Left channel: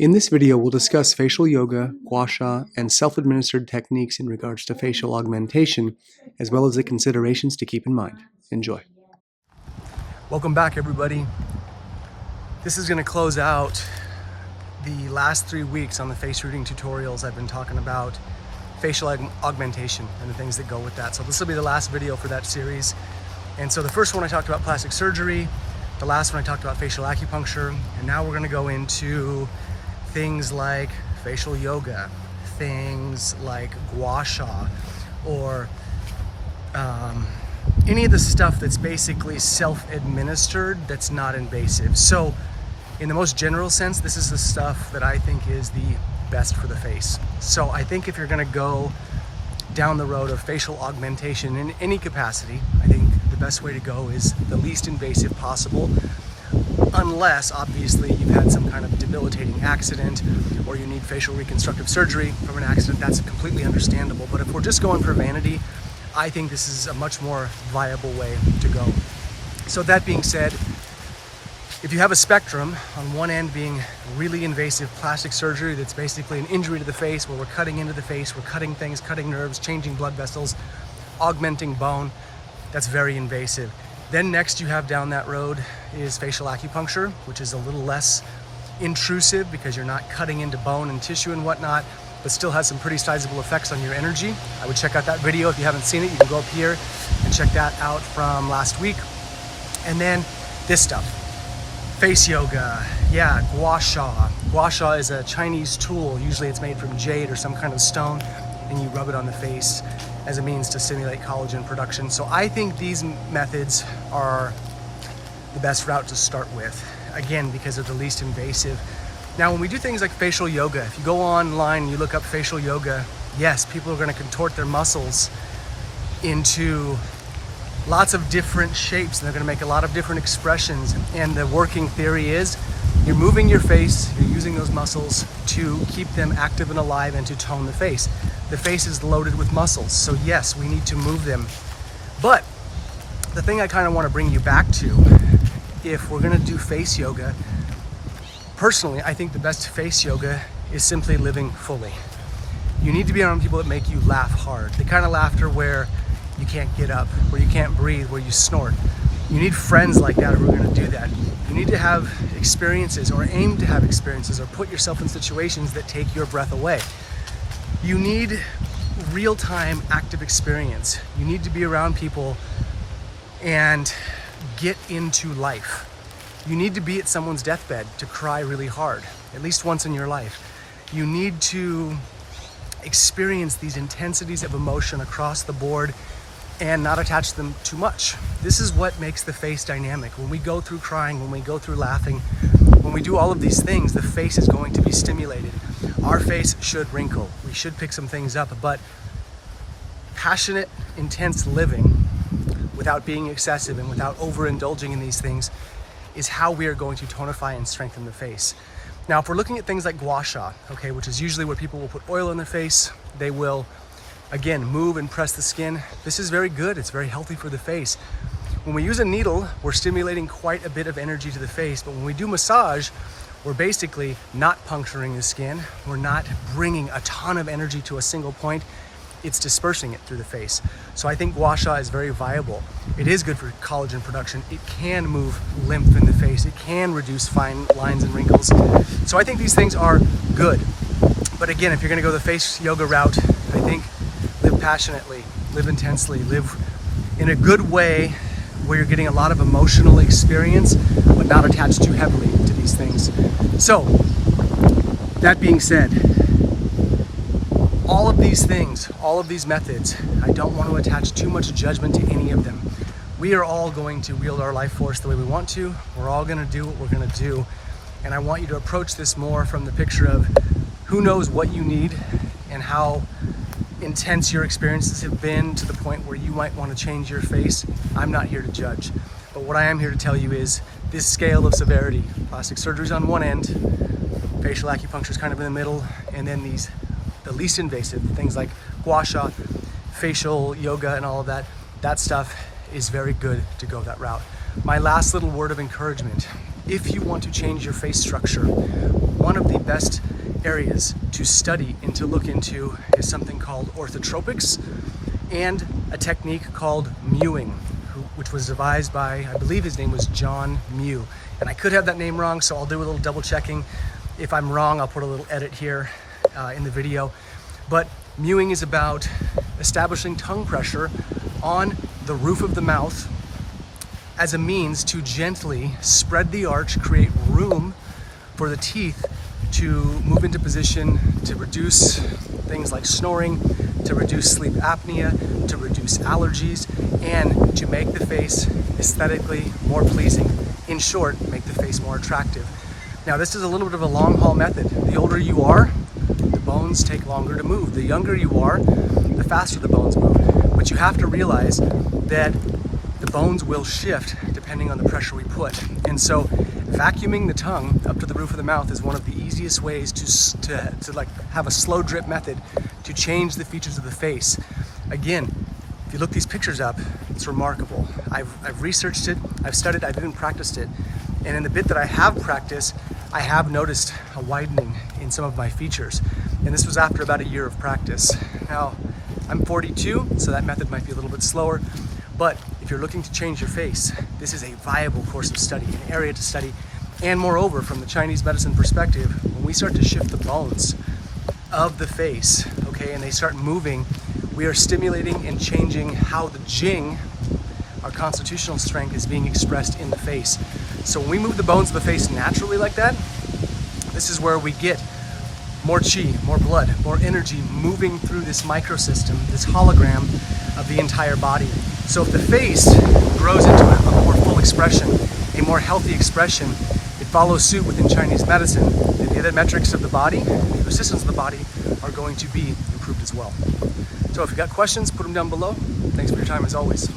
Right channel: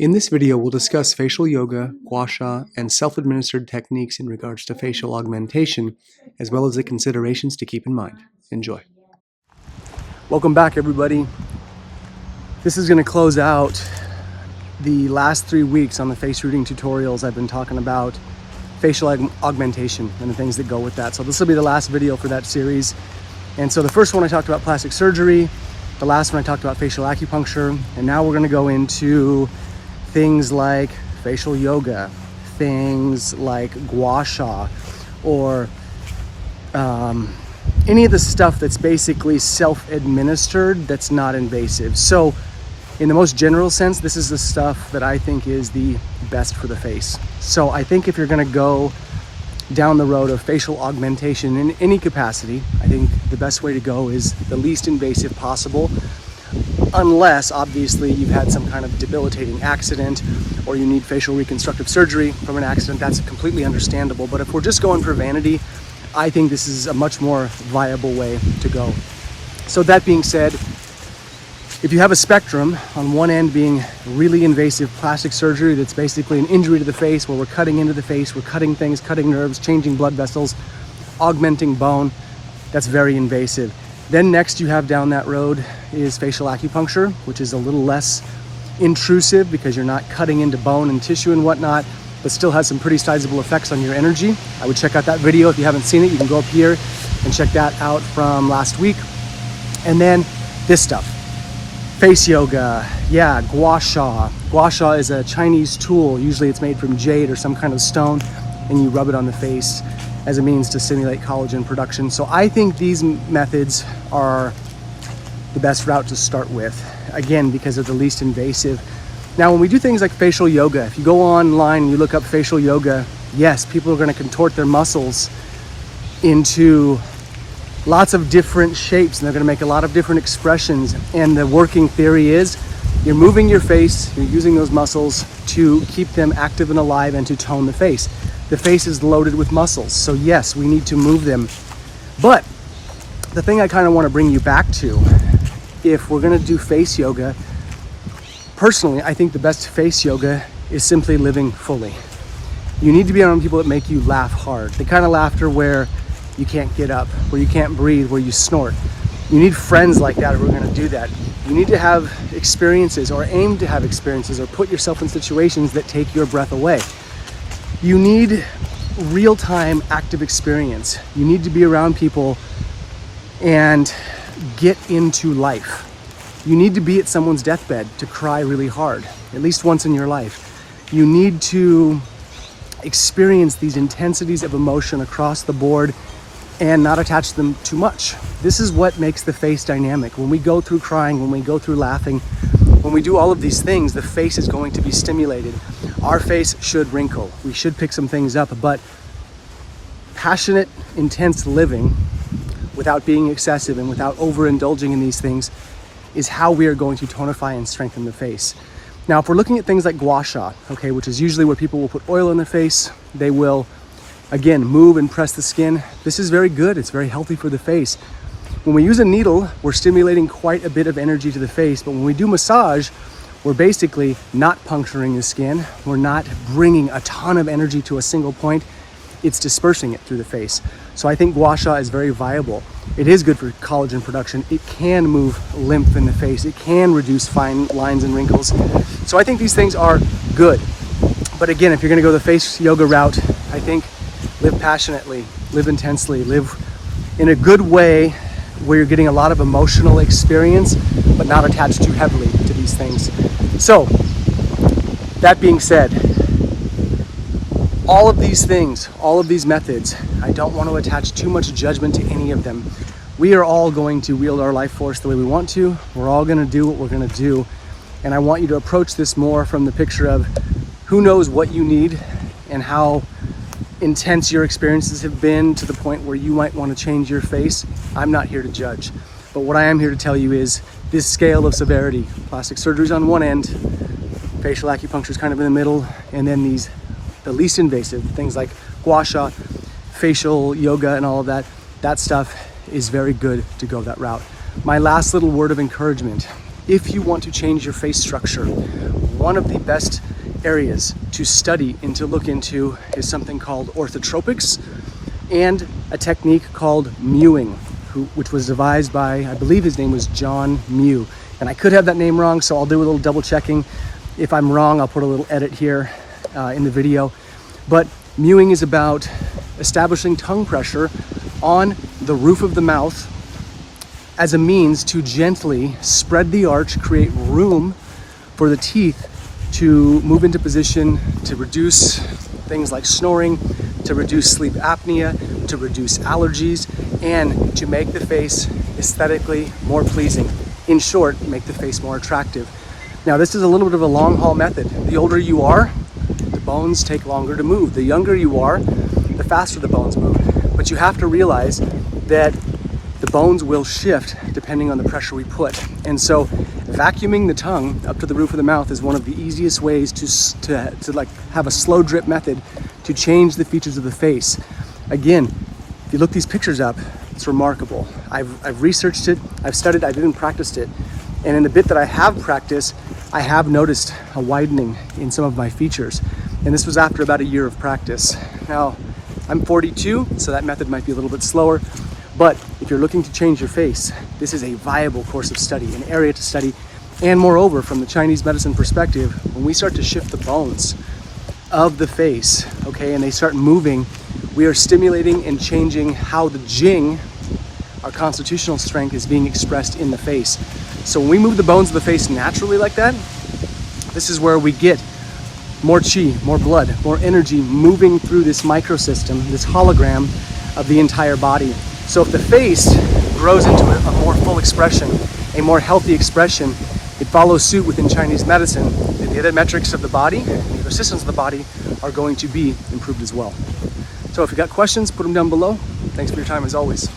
In this video, we'll discuss facial yoga, guasha, and self-administered techniques in regards to facial augmentation, as well as the considerations to keep in mind. Enjoy. Welcome back, everybody. This is going to close out the last 3 weeks on the face rooting tutorials. I've been talking about facial augmentation and the things that go with that. So this will be the last video for that series. And so the first one I talked about plastic surgery, the last one I talked about facial acupuncture, and now we're going to go into things like facial yoga, things like guasha, or any of the stuff that's basically self-administered that's not invasive. So in the most general sense, this is the stuff that I think is the best for the face. So I think if you're going to go down the road of facial augmentation in any capacity, I think the best way to go is the least invasive possible, unless obviously you've had some kind of debilitating accident or you need facial reconstructive surgery from an accident. That's completely understandable. But if we're just going for vanity, I think this is a much more viable way to go. So that being said, if you have a spectrum, on one end being really invasive plastic surgery that's basically an injury to the face, where we're cutting into the face, we're cutting things, cutting nerves, changing blood vessels, augmenting bone, that's very invasive. Then next you have down that road is facial acupuncture, which is a little less intrusive because you're not cutting into bone and tissue and whatnot, but still has some pretty sizable effects on your energy. I would check out that video. If you haven't seen it, you can go up here and check that out from last week. And then this stuff, face yoga, yeah, guasha. Guasha is a Chinese tool. Usually it's made from jade or some kind of stone, and you rub it on the face as a means to stimulate collagen production. So I think these methods are the best route to start with, again, because they're the least invasive. Now, when we do things like facial yoga, if you go online and you look up facial yoga, yes, people are going to contort their muscles into lots of different shapes, and they're going to make a lot of different expressions. And the working theory is you're moving your face, you're using those muscles to keep them active and alive and to tone the face. The face is loaded with muscles, so yes, we need to move them. But the thing I kind of want to bring you back to, if we're going to do face yoga, personally, I think the best face yoga is simply living fully. You need to be around people that make you laugh hard. The kind of laughter where you can't get up, where you can't breathe, where you snort. You need friends like that who are going to do that. You need to have experiences, or aim to have experiences, or put yourself in situations that take your breath away. You need real-time active experience. You need to be around people and get into life. You need to be at someone's deathbed to cry really hard, at least once in your life. You need to experience these intensities of emotion across the board and not attach them too much. This is what makes the face dynamic. When we go through crying, when we go through laughing, when we do all of these things, the face is going to be stimulated. Our face should wrinkle. We should pick some things up, but passionate, intense living without being excessive and without overindulging in these things is how we are going to tonify and strengthen the face. Now, if we're looking at things like guasha, okay, which is usually where people will put oil in their face, they will, again, move and press the skin. This is very good. It's very healthy for the face. When we use a needle, we're stimulating quite a bit of energy to the face, but when we do massage, we're basically not puncturing the skin. We're not bringing a ton of energy to a single point. It's dispersing it through the face. So I think guasha is very viable. It is good for collagen production. It can move lymph in the face. It can reduce fine lines and wrinkles. So I think these things are good. But again, if you're gonna go the face yoga route, I think live passionately, live intensely, live in a good way where you're getting a lot of emotional experience, but not attached too heavily to these things. So, that being said, all of these things, all of these methods, I don't want to attach too much judgment to any of them. We are all going to wield our life force the way we want to. We're all going to do what we're going to do. And I want you to approach this more from the picture of who knows what you need and how intense your experiences have been to the point where you might want to change your face. I'm not here to judge, but what I am here to tell you is this scale of severity. Plastic surgery is on one end, facial acupuncture is kind of in the middle, and then the least invasive things like guasha, facial yoga, and all of that. That stuff is very good to go that route. My last little word of encouragement: if you want to change your face structure, one of the best areas to study and to look into is something called orthotropics and a technique called Mewing, which was devised by, I believe his name was John Mew. And I could have that name wrong, so I'll do a little double checking. If I'm wrong, I'll put a little edit here in the video. But Mewing is about establishing tongue pressure on the roof of the mouth as a means to gently spread the arch, create room for the teeth to move into position, to reduce things like snoring, to reduce sleep apnea, to reduce allergies, and to make the face aesthetically more pleasing. In short, make the face more attractive. Now, this is a little bit of a long haul method. The older you are, the bones take longer to move. The younger you are, the faster the bones move. But you have to realize that the bones will shift depending on the pressure we put. And so vacuuming the tongue up to the roof of the mouth is one of the easiest ways to like have a slow drip method to change the features of the face. Again, if you look these pictures up, it's remarkable. I've researched it, I've studied, I've even practiced it. And in the bit that I have practiced, I have noticed a widening in some of my features. And this was after about a year of practice. Now, I'm 42, so that method might be a little bit slower. But if you're looking to change your face, this is a viable course of study, an area to study. And moreover, from the Chinese medicine perspective, when we start to shift the bones of the face, okay, and they start moving, we are stimulating and changing how the Jing, our constitutional strength, is being expressed in the face. So when we move the bones of the face naturally like that, this is where we get more qi, more blood, more energy moving through this microsystem, this hologram of the entire body. So if the face grows into a more full expression, a more healthy expression, it follows suit within Chinese medicine. The other metrics of the body, the other systems of the body are going to be improved as well. So if you've got questions, put them down below. Thanks for your time as always.